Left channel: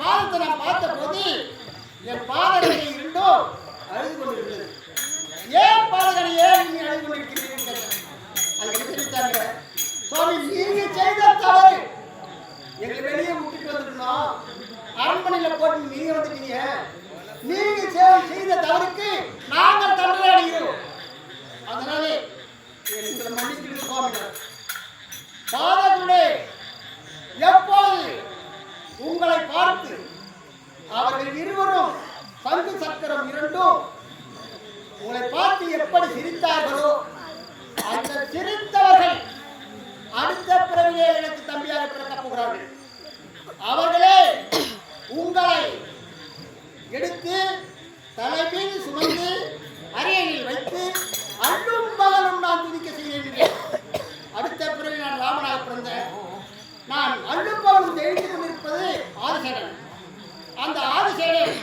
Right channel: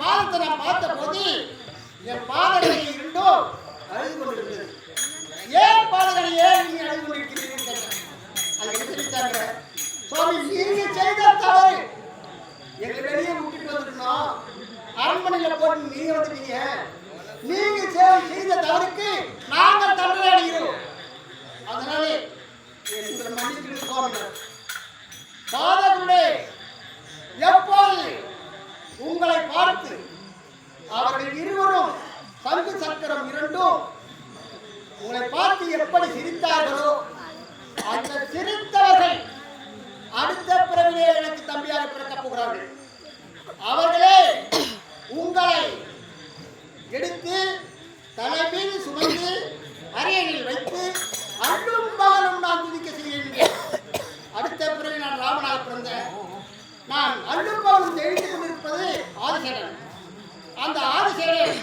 பாதத்தை நான் பார்த்த போது என் பாதங்களை இருந்தோ அழுது கொண்டிருக்கிறது. ஏன் பாதங்களை ஏன் நீ அழுது கொண்டிருக்கிறீர்கள்? அங்கே தெரிவித்தாங்க, சுவாமி நீங்க செய்த தவறு எங்களை வெளியே விட்டுட்டு வந்துருக்கணும், அரண்மனையில் போட்டு நீங்க வந்துட்டீங்க. நீங்க செய்த தவறுக்கு நாங்கள் தண்டனை அடைகிறோம். அதனாலே எங்களை மன்னித்து சுவாமி. பாதங்களே, எப்போது உங்களை பார்த்து அவர்கள் இருவரும் பங்கு சக்கரம் இரண்டும் உங்களை பார்த்து எப்படி சிரித்தார்களோ அந்த சிரித்தவர்கள் அடுத்த பிறவிலே எனக்கு தம்பியாக பிறக்கப் போகிறார்கள். அவர்களே உங்களை எடுத்து தலைமீது சுமந்து அறையில் வைத்து அல்லும் பகலும் நான் துதிக்க செய்ய. அடுத்த பிறகு நான் ராமனாக பிறந்தேன். நான் அல்லும் பகலும் எழுந்து கொண்டிருப்பது ஆதிசேடன். அந்த ஆதிசேடன்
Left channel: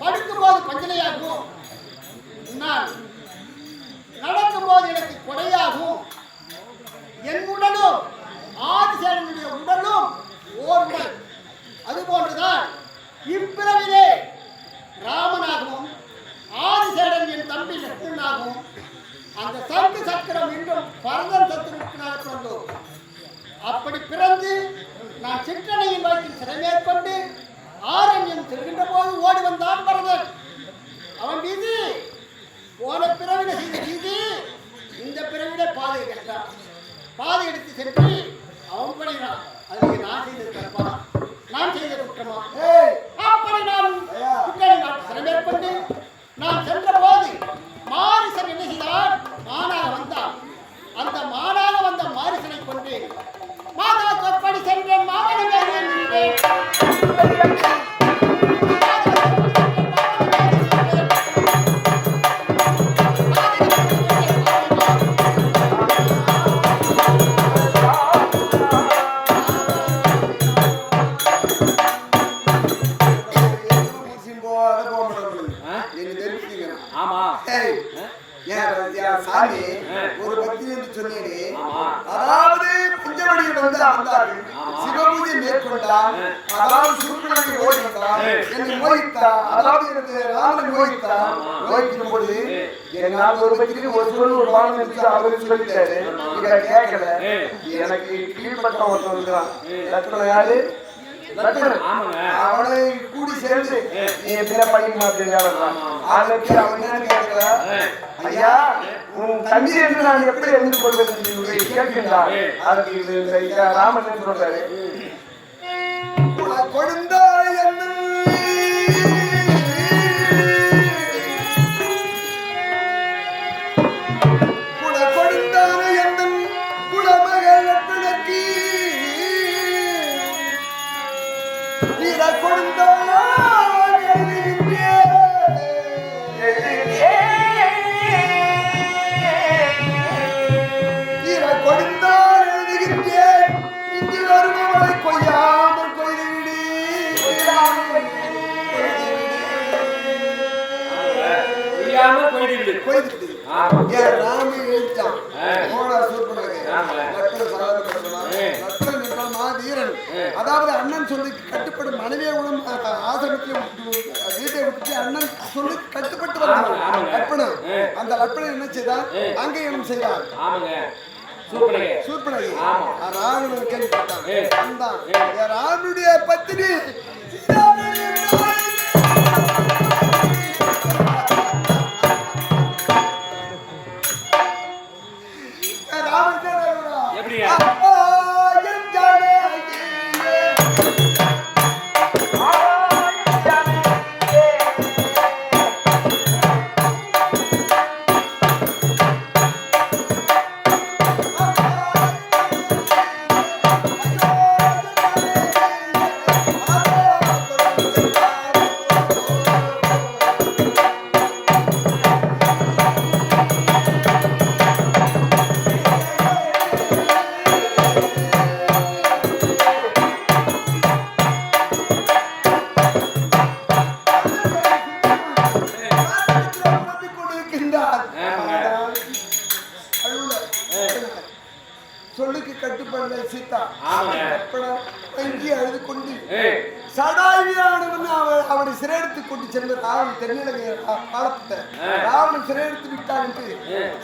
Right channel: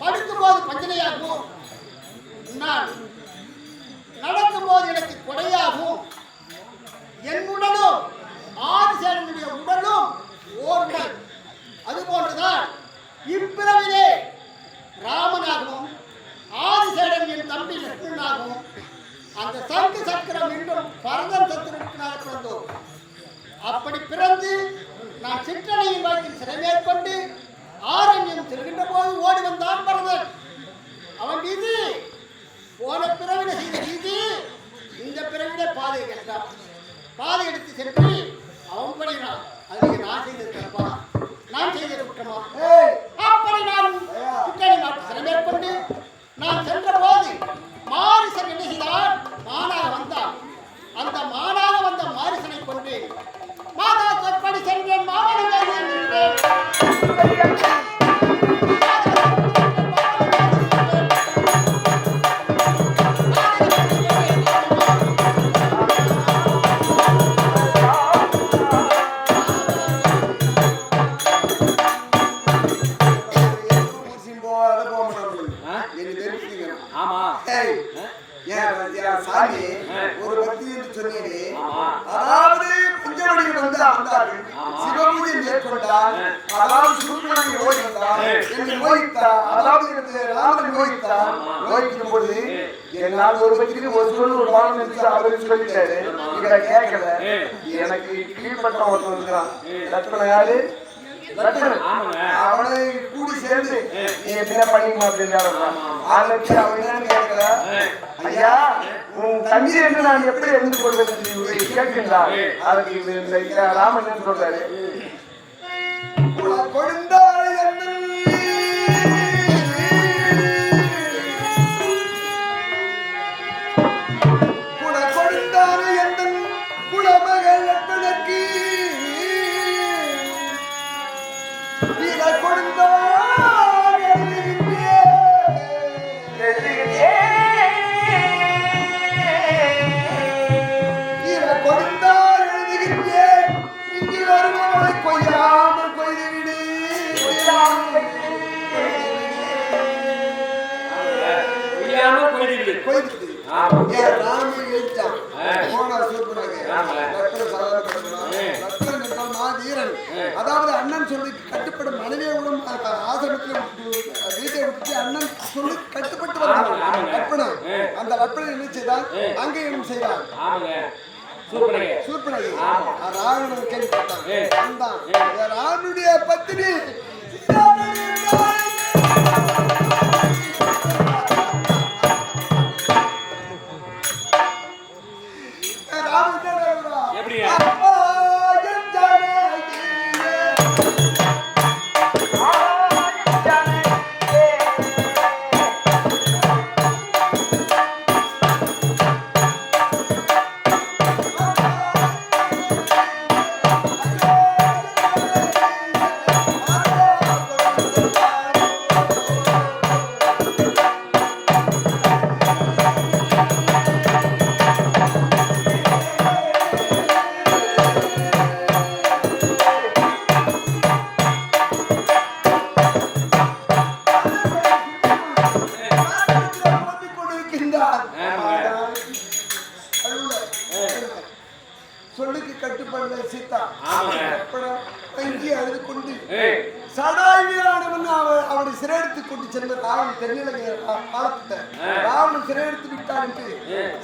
படுக்கும்போது பஞ்சனையாகவும், நான் நடக்கும்போது எனக்கு கொடையாகவும், என் உடலும் ஆதிசேடனுடைய உடலும் ஓர்கள். அதுபோன்றுதான் இப்பிறவிலே ராமனாகவும் ஆதிசேடன் என் தம்பி லட்சுமணனாகவும் அந்த சங்கு சக்கரம் என்றும் பரதன் சத்திரத்தினாக பிறந்தோம். அப்படி பிறந்து நான் சிற்றனையின் வழக்கில் சிறை மேற்கொண்டு ஆரண்யம் செல்கின்ற போது ஓடி வந்தான் பரதன். அவன் வீதி போன பிறவிட செய்த வீதி இந்த பிறவிட பாதை கட்டான். பாதை எடுத்து சென்று அவன் பண்ணினான். அதுக்கு நான் செய்தது தப்பா, நான் செய்த குற்றமா? அப்படி நான் சிற்றனை நாட்டு சிறை மேற்கொண்டு நான் சென்ற போது மாரிசன் என்ன செய்தான்? மானாக வந்தான். அந்த மானாக வந்த மாரிசனை கொண்டு மாதா சொற்படி சென்றேன், மாமனமே சாமி ஒரு பக்தி என்று சொன்னீரே, அதாவது பஞ்சவடியில் வந்து அமர்ந்தார்கள், சிவபூஜை மேற்கொண்டார், அதாவது சூர்பனகை ஓய்ந்தார், என்னை மோகித்தார், அதாவது எனக்கு ராமனை மோகித்தார். மோகிக்கும் போது என்னால் ஒரு பக்திக்கு ஒரு சொல்லு ஒரு வாரம் அவருக்கு சொல்லிட்டாரு. இவ கேட்கல. எனக்கு கீழ்பட்ட ஒருத்தர் யாரு அவனை கூடி சேர்ந்து ஐயா உன் தம்பி நான் எப்படி எழுந்து கொள்வது கேட்கின்றார். அதுக்கு ராமன் சொல்றாரு, கொடுந்தார் என்ன அதாவது அண்ணன் சொல்லி கட்டுப்படும் மனைவியோடும் ஆசிரமத்தில் வீட்டை விட்டு அண்ணன் சொல்லி கட்டுப்பட்டு வந்தாங்க லட்பணன். அந்த லட்பணன் என்ன செய்தார்? அங்கீகாரம் செய்தார். சூர்பனகை ராவணன் கேள்விப்பட்டான். வந்தான் ராவனுடைய பத்தினி சொல்லுக்கு கட்டுப்படல சீதா. ஆமாங்க. கற்பனை வங்கி அழுது கொண்டு சடாயுவானவன் அவனை சிறையெடுத்து கொண்டு சென்ற ராவணன் தென்னிலங்கை காலத்தை ராவணன் சிறையெடுத்து விட்டான் என்று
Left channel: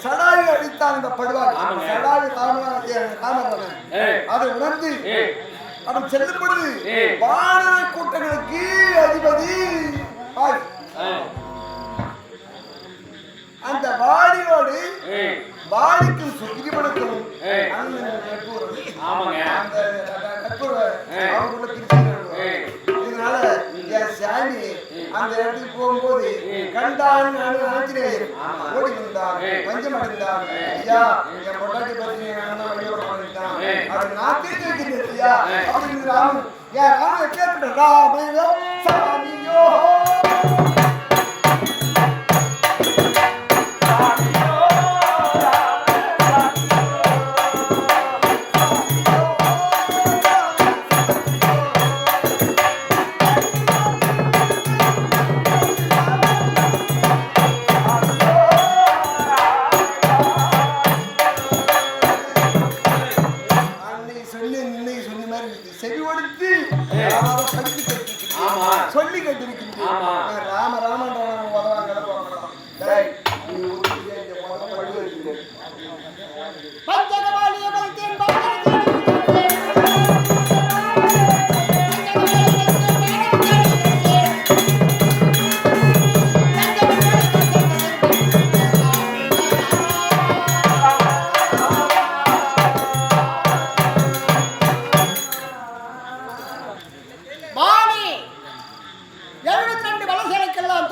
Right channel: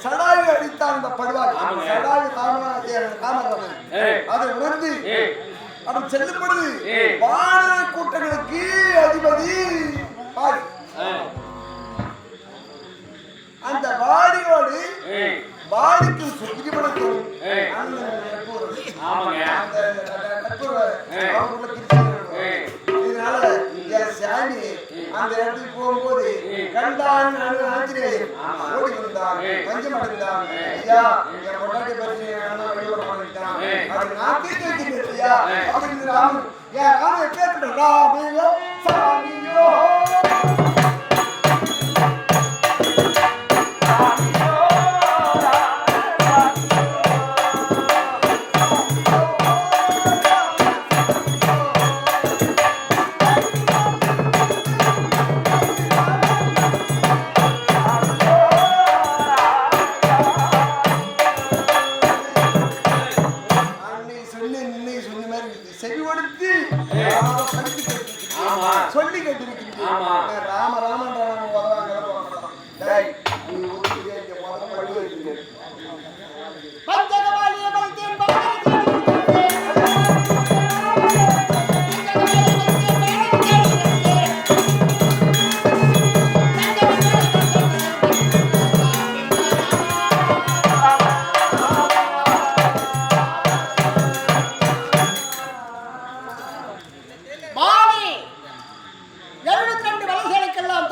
சடாயு அடித்தான் இந்த படுவாய். சடாயு ராமராவன் அதை உணர்ந்து அவன் செல்லும் பொழுது வானர கூட்டங்களுக்கு அதிபதி வாடி. அந்த வாடியோடு வாடிக்கும் சுகிபடுத்தும் இதனால சாமி அந்த இடத்துக்கு போகும்போது கண்டான் ஆஞ்சநேயர் ஓடி வந்தான், பஞ்சம் அடைந்தான். ஐயா என் பொண்டாட்டி பற்றி அது நான் கேட்டு வைக்கிறேன் ஐயா அப்படின்னு ராமன் ஏன் ராமன் எப்பேற்பட்ட ராமையோ சாமியோ சொல்லி கேட்டிருக்கீங்க. ராம ராமன்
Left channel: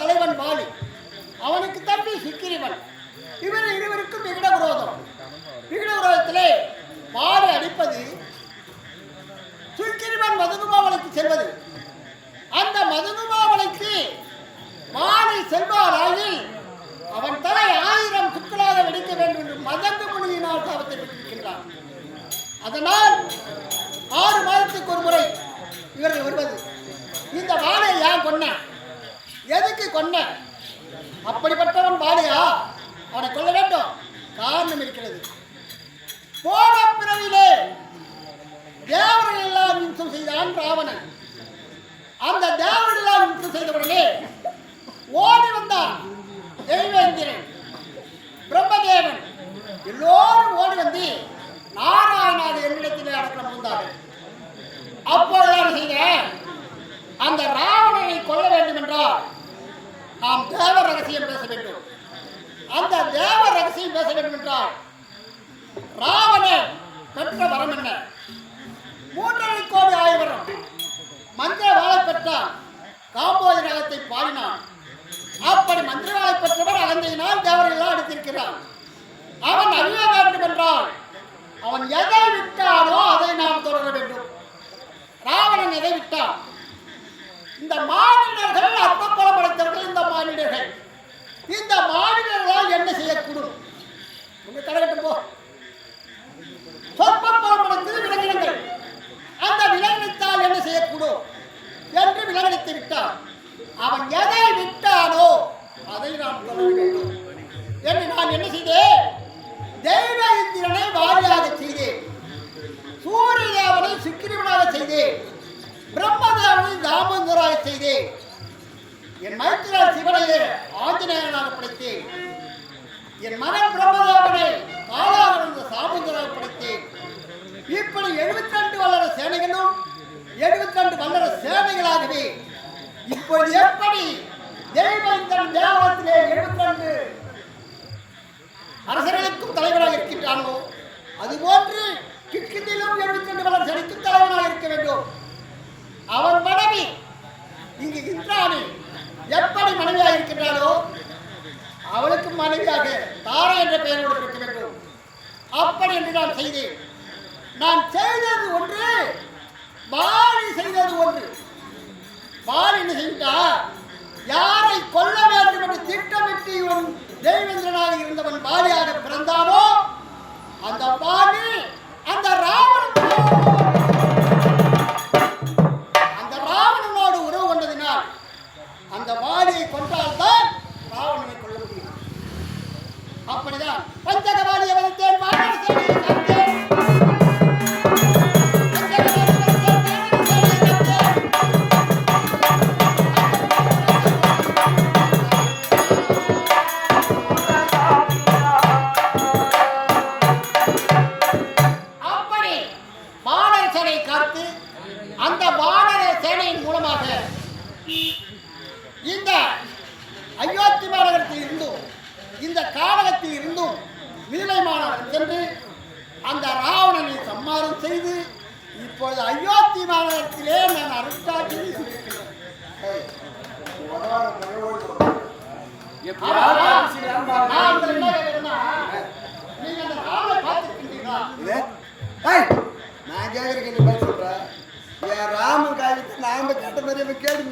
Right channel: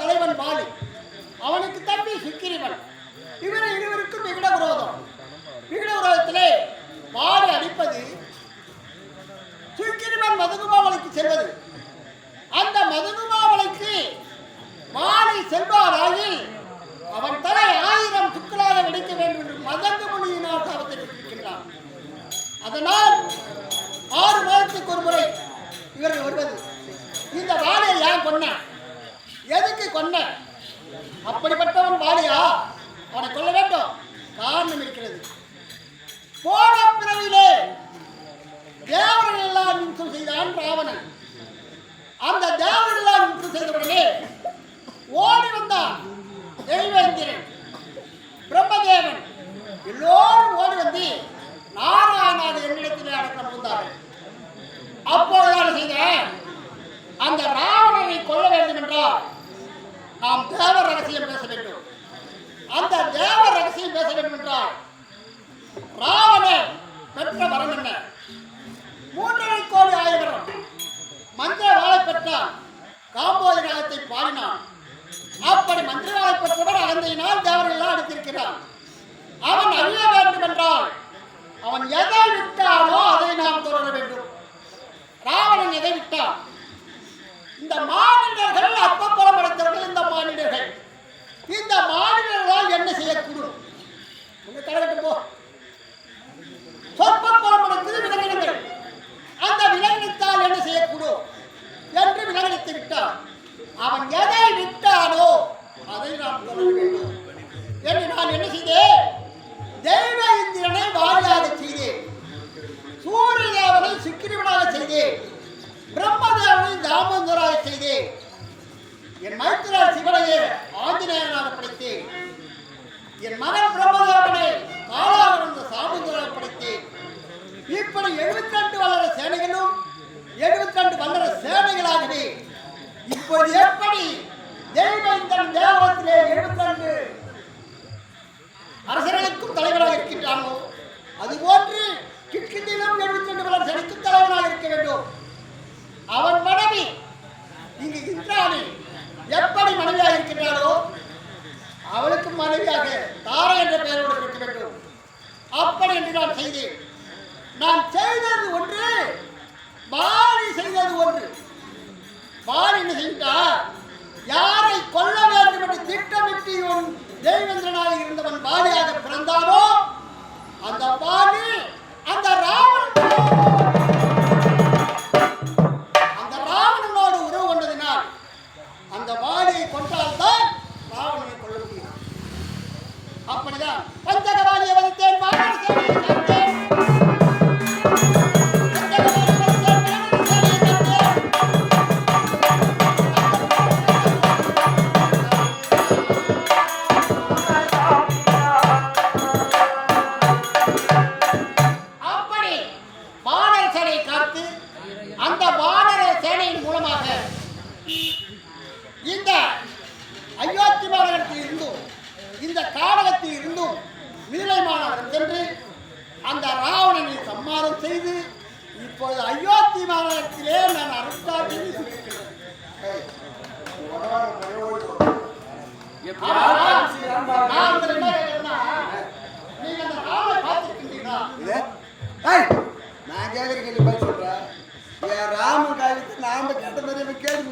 தலைவன் பாலி, அவனுக்கு தம்பி சுக்கிரீவன். இவர் இருவருக்கும் விகட விரோதம். விகட விரோதத்திலே பாலி அடிப்பது, சுக்கிரீவன் மதகுமாவளைக்கு செல்வது. அந்த மதகுமாவளைக்கு பாலி செல்வாராயில் அவன் தலை 1000 சுக்களாக வெடிக்க வேண்டும் என்று மதங்கு முனியினால் சாபத்தை பெற்றிருக்கின்றான். அதனால் 6 மாதத்துக்கு ஒரு முறை இவர்கள் வருவது. இந்த பாலியை ஏன் கொன்ன, எதுக்கு கொன்ன, அப்படிப்பட்டவன் பாலியா, அவனை கொல்ல வேண்டும். காரணம் இருக்கிறது. போன பிறவிலே தேவர்கள் எல்லாம் யுத்தம் செய்தான் ராவணன். அந்த தேவர்கள் எல்லாம் யுத்தம் செய்தவுடனே ஓடி வந்தான் தெய்வேந்திரன், பிரம்மதேவன், எல்லோரும் ஓடி வந்து நாராயணாதி என்னிடத்திலே அடக்கம் புரிந்தார்கள். அப்போது செய்த அந்த ராவணனை கொல்ல வேண்டும் என்றால் நாம் தேவ ரகசியம் பேச வேண்டும். அந்த தேவ ரகசியம் பேச வேண்டும் என்றால் ராவணன் பெற்ற வரம் என்ன? 3.5 கோடி ஆயிரம் மந்திர வாழை பெற்றான். காம்போதி ராகத்தை பாடினான். அப்படி மந்திர வாழை பெற்றவன் அகந்தையினால் தேவர்களெல்லாம் அடித்திருக்கிறான். அவன் அறிய வேண்டும் என்றால் அவன் எதை விட்டானோ அதை நாம் தொடர வேண்டும். ராவணன் எதை விட்டான்? இந்த மாநிலர்கள் அப்பப்பலம் அடைத்தவர்கள். இந்த மாநிலர்கள், இந்த மாநிலங்களால் என்ன செய்யக்கூடும்? உங்க தலைகட்டும் போ. சொற்பப்பலம் அடைத்தது விலங்கினங்கள். அந்த விலங்கினத்தால் என்ன செய்யக்கூடும் என்று விலங்கினத்தை விட்டான். அவன் எதை விட்டானோ அதை நாம் தொடர வேண்டும் என்று நான் என்ன செய்தேன்? தெய்வ இந்திரனை வாரியாக செய்தேன், சூரியதேவனை சுக்கிரீவனாக செய்தேன், பிரம்மதேவனை தாமோதராக செய்தேன், என் மைத்திரா சிவனையே ஆஞ்சநேயனாக படைத்தேன், என் மகன் பிரம்மதேவனை காலாக சாமுந்தராக படைத்தேன். இப்படி 72 வல்லர சேனைகளும் 72 வல்லர சேனைகளாகவே இப்போது எப்படி தெய்வந்தன் தேவலத்திலே 72 அரசர்களுக்கும் தலைவராக இருக்கின்றானோ அதுபோன்று கிட்கிட்டிலும் 72 வல்லர சேனைக்கும் தலைவராக இருக்க வேண்டும். அவன் மனைவி இங்கு இந்திராணி எப்படி மனைவியாக இருக்கின்றாளோ அவளுக்கு மனைவியாக தாரை என்ற பெயரோடு இருக்க வேண்டும். அப்படி என்று நான் செய்தேன். நான் செய்தது ஒன்று, பாலி செய்தது ஒன்று. பாலி என்ன செய்தார்? யாரை கொல்ல வேண்டும் என்று திட்டமிட்டு இவன் தெய்வேந்திரனாக இருந்தவன் பாலியாக பிறந்தானோ அந்த பாலி அந்த ராவணனோடு உறவு கொண்டதினால் அந்த பாலியை கொண்டால்தான் ராவணனை கொல்ல முடியும். அப்படிதான் பஞ்சகவாலியை வந்தேன். நீலைமானவன் சென்று அந்த ராவணனை சம்மாரம் செய்து இப்பொழுது அயோத்தி மாநகரத்திலே நான் அரசாட்சியை இருக்கிறேன். நீங்க அந்த ராமனை பார்த்திருக்கின்றீங்களா? நான் கேட்கற கேள்வி பதில் சொல்றேன். என் ராமன் காய்ச்சி நாம கேட்ட மாதிரி கேட்டு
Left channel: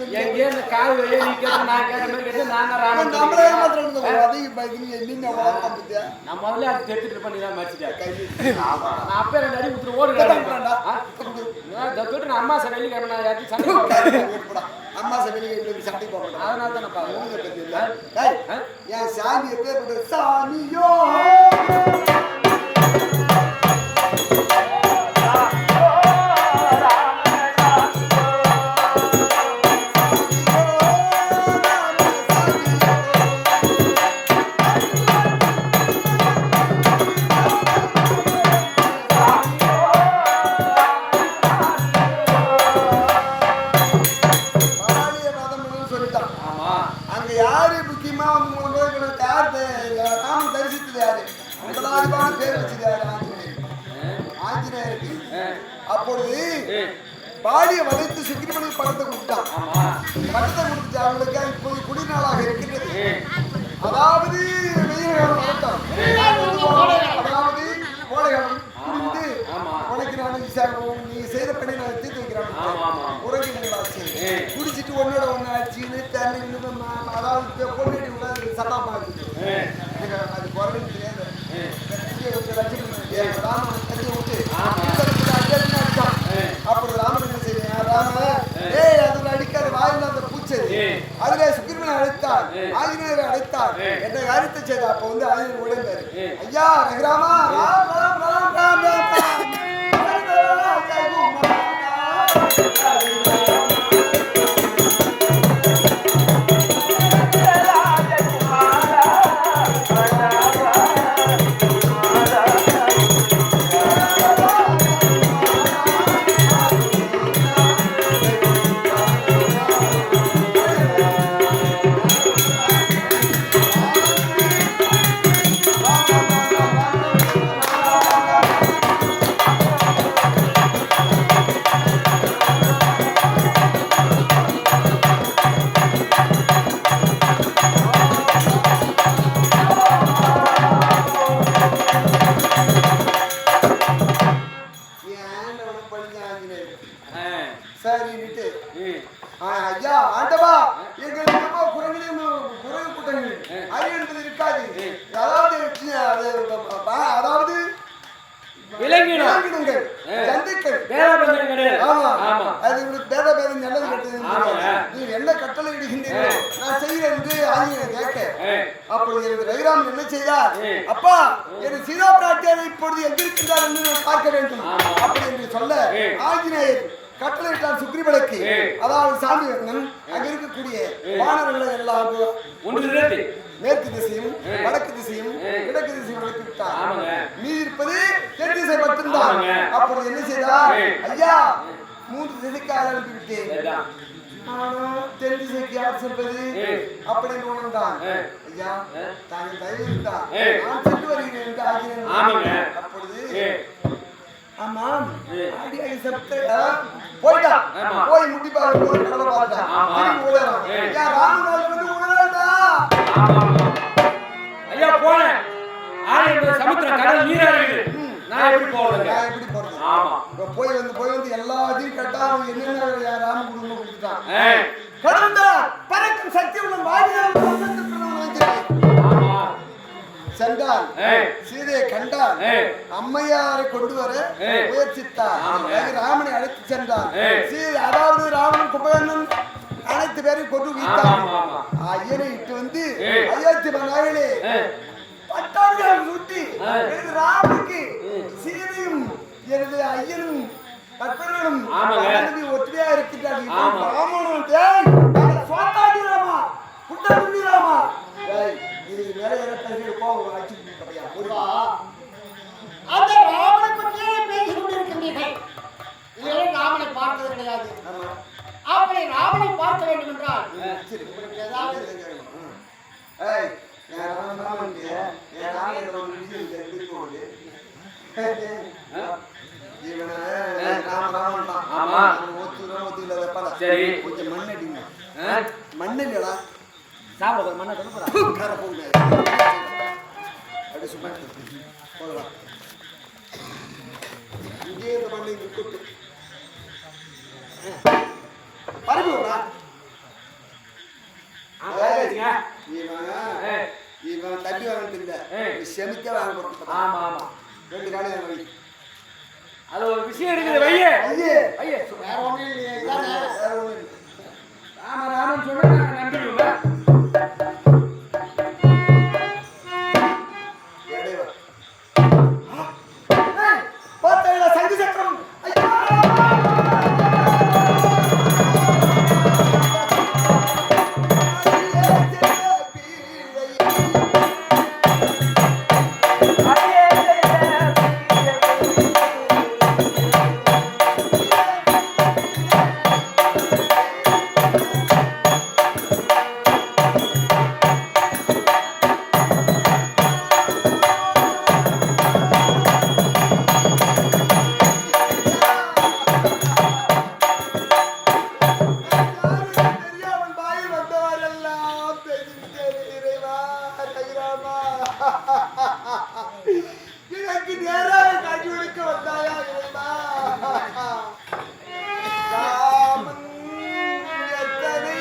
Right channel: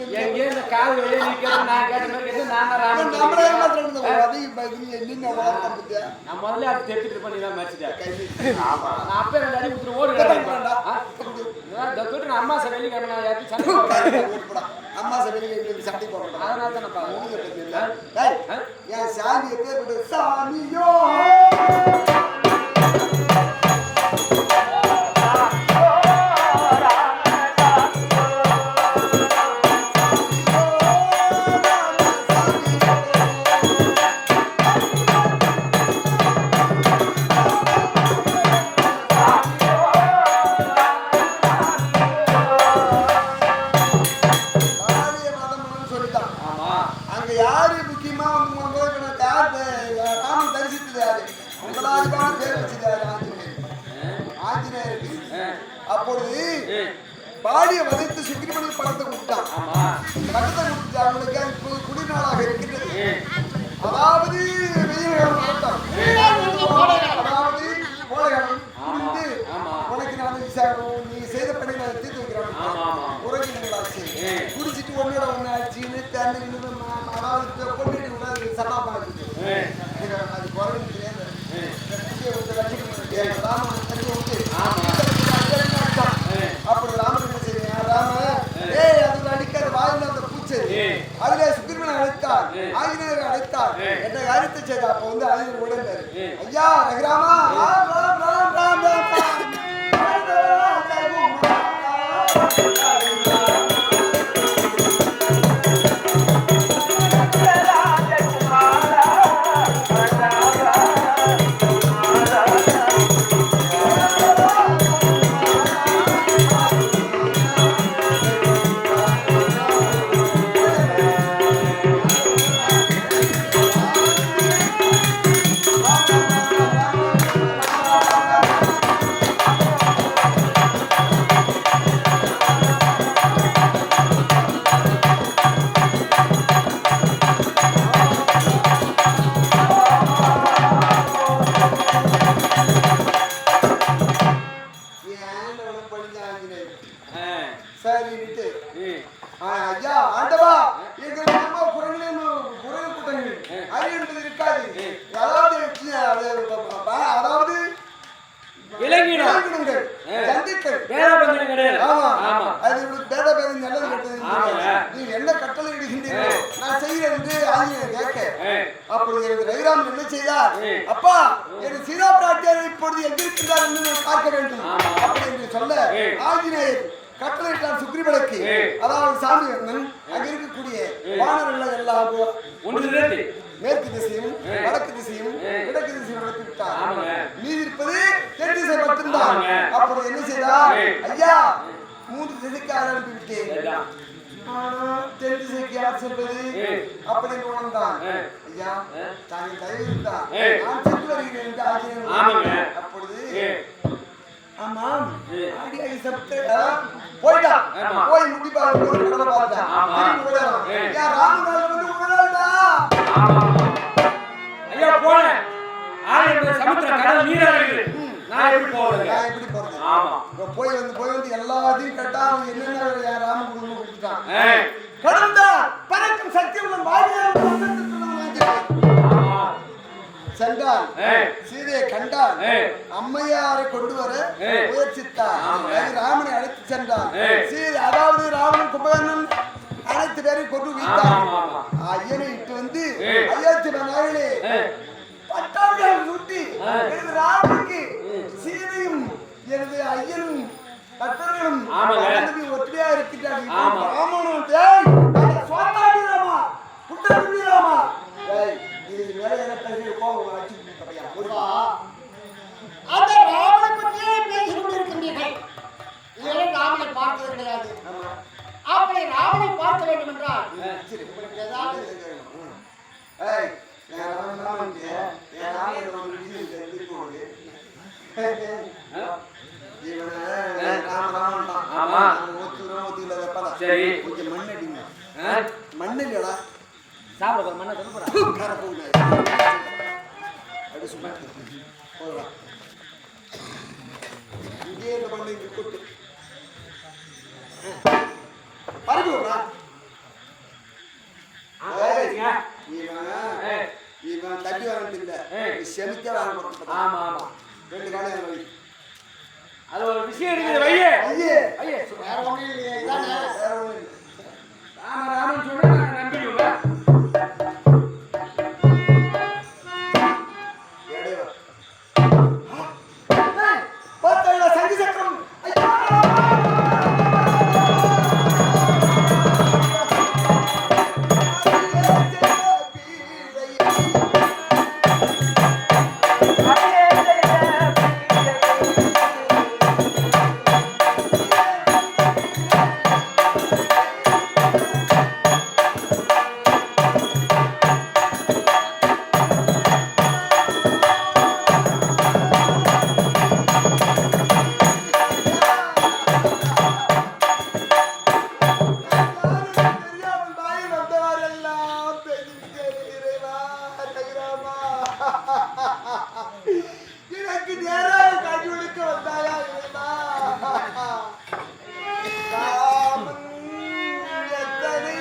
இந்த கால் வழியா நீ கேட்டு நான் கேட்ட மாதிரி கேட்டு நான் ராமன் நம்மளே மாத்திரம் அதிக பயந்து என்ன வளர்த்தா நான் முதல்ல அது தெரிஞ்சுட்டு இருப்பேன். நீ தான் மேட்சிட்டா நான் அப்பே 2 அடி ஊத்துற ஓடுவேன். நான் அம்மா சார் வெள்ளிக்கிழமை நான் யாருக்கு சண்டை போடுறேன். அம்மா சார் வெளியே சண்டை போடுறேன். அதனால தான் நான் பார்க்கறேன். என் சாமி எப்பேற்பட்ட சாமியோ அப்பொழுது பாடிய வளைத்து சுக்கிரமணி படத்தை கொடுத்தான். பட்டத்தை கொடுத்து அவங்களுக்கு இப்போது குடிநாளாக இருக்கின்றது. அதாவது வெயில் காலம் வரட்டும், அதாவது கோடைகாலம் புரிந்து உனக்கு நான் நீ செய்த பணி நான் தீர்த்து வைக்கிறேன். உறங்கினங்களாச்சு குடிச்சிட்டு ஒன்னோட ஒன்னு ஆச்சுன்னு தண்ணி அதாவது பொண்ணு கூட சட்டாப்பா இருக்குது. அது குறைஞ்சு தெரியாது. ராமன் தண்ணியை விட்டு அடிச்சான். அப்படி ராமன் என்ன செய்ய ராம அதுல அடிக்காத வாயில அந்த பூச்சது அதுல சுக்கிரமணி அழைத்தார், ஆஞ்சநேயரை அழைத்தார். என்ன காரியத்தை செய்த அப்ப வந்து ஆஞ்சநேயர் உடந்தாரு. ஐயா ரகுராமா ராம் ராம் ராம் ராம் ராம் ராம் ஐயா ஆண்டவா எங்க குரங்கு கூட்டங்கள் அறிவு என்பது இருக்காது. அதாவது விலங்கினங்கள் ஜந்துக்கள் அது பேதபேதம் நல்லது கெட்டது. நீ என்ன கட்டளை இடுகின்றீர்கள் நான் செய்கிறேன் என்று ஆஞ்சநேயர் கேட்க அப்பொழுது எனக்கு ரகுராமன் என்ன செய்தார்? அப்பா என் சீதா பிராட்டியார் இப்பொழுது எங்கிருக்கின்றார் என்று நான் பார்க்க வேண்டும் அப்படி என்று சொல்ல ஆஞ்சநேயர் கட்டளையிட்டார் சுக்ரீவனுக்கு. அதாவது சாமி அங்க இருக்கக்கூடிய வானர்களை எல்லாம் மேற்கு திசையும் வடக்கு திசையும் கிழக்கு திசையும் அனுப்பி விட்டார். மீதி இருப்பது தென் திசை மட்டும்தான். அப்பொழுது என்ன செய்தார்? ஐயா 3 திசைக்கு ஆள் அனுப்பி விட்டேன், ஆனா தென் திசைக்கு யார் செல்வது அப்படின்னு உணர்ந்தான். ஐயா தாங்கள் தயவு இருந்தார் நான் சென்று வருகிறேன் என்று ஆகிறேன். அப்பொழுது ஆமாம் ஆடியாகி செப்டே போய்ட்டான். போய் முட்டி பார்க்க கடலை பார்த்துட்டான். திரும்பி ஓடுறான். ஐயா ராமநாள் வந்து உணராடா. ஐயா போனேன் சமுத்திரம் கடல் நீரா இருக்குது. நான் எப்படி போறது? ஆமா போய் வந்து எல்லாத்தையும் கட்டா என்னென்ன ராம குடும்பம் கொடுத்துட்டான். கடந்தா பறக்கும் சக்தி உள்ள வாயிலாக சென்றால் சீதையை கண்டால் அம்மையாரை கொண்டு வர முயற்சித்தார். ராமனை அழைத்து சென்றார். அதாவது ராவணன் கும்பகர்ணன் அனைத்து பேரையும் கொண்டு வைத்தார். ஐயனை இட்டு வந்து அயோத்தி நாயிலே பட்டாபிஷேகம் சூட்டி எனது ராமனுக்கு சீதையும் எனது ஐயனும் கற்பர்களும் ஒற்றுமையா இருக்கின்றார்கள். ராமா புட்டா ராமா இதுக்கு மேல என்ன பேசி கோவம் அடிச்சு அந்த ராமனை பற்றியே பேசிக் கொண்டிருக்கின்றீர்கள். இதெல்லாம் ராமனை பார்த்தது கிடையாது. அப்படி ராமனை பார்க்க வேண்டும் என்றால் ஏதாவது இவனை ராமன் தான். ஆமா. ஒத்துக்கல வெப்பல. சரி. கொஞ்சம் மண் அடிங்க. மண் இல்லடா. சாப்பிட போற மண்ணை சொல்ல போறா. கார போகுது. அடி சும்மா போடுவா. இங்கே இந்த மண்ணை இங்க கொட்டு. பரப்பி விடுறா. இவன் தட்டி வாங்கிட்டு இல்ல, செமிக்க வாங்க போறோம். ஆமா ஆமா, 2 காலையும் வை. அது ஒரு விஷயம் இருக்குது. வையே ஐயே ஐயே, வேற ஒண்ணும் இல்லையே, இதானே வேற ஒண்ணும் இல்லை. ராமன் சொன்னா நான் நம்பிடுவேன். பார்த்தா சங்கு சக்கரம். ஐயா எனக்கு நேராக காட்சி கொடுக்க வந்தாயா இறைவா? ராமன் எத்தனை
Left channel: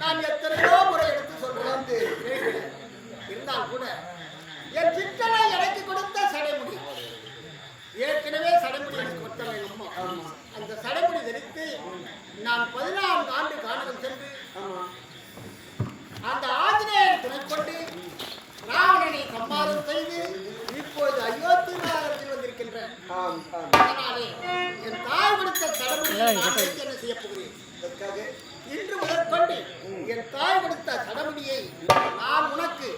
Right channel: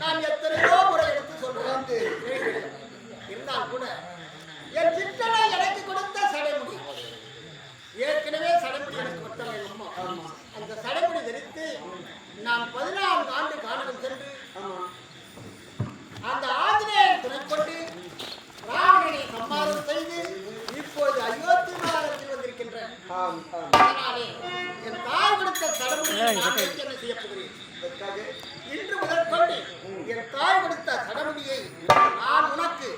நான் எத்தனையோ முறை எடுத்து சொல்றேன். இருந்தால் கூட என் சிக்கலை எனக்கு கொடுத்த சடைமுடி, ஏற்கனவே சடைமுடி எனக்கு கொடுத்தாங்க எங்க அம்மா. அந்த சடைமுடி தரித்து நான் 14 ஆண்டு கானகம் சென்று அந்த ஆஞ்சநேயன் துணை கொண்டு ராவணனை சம்மாரம் செய்து இப்போது அயோத்தி நகரத்தில் வந்திருக்கின்றேன். அதனாலே என் தாய் கொடுத்த சடைமுடியை நான் வைத்து என்ன செய்ய போகிறேன்? இன்று முதற்கொண்டு என் தாய் கொடுத்த சடமுடியை நான் உனக்கு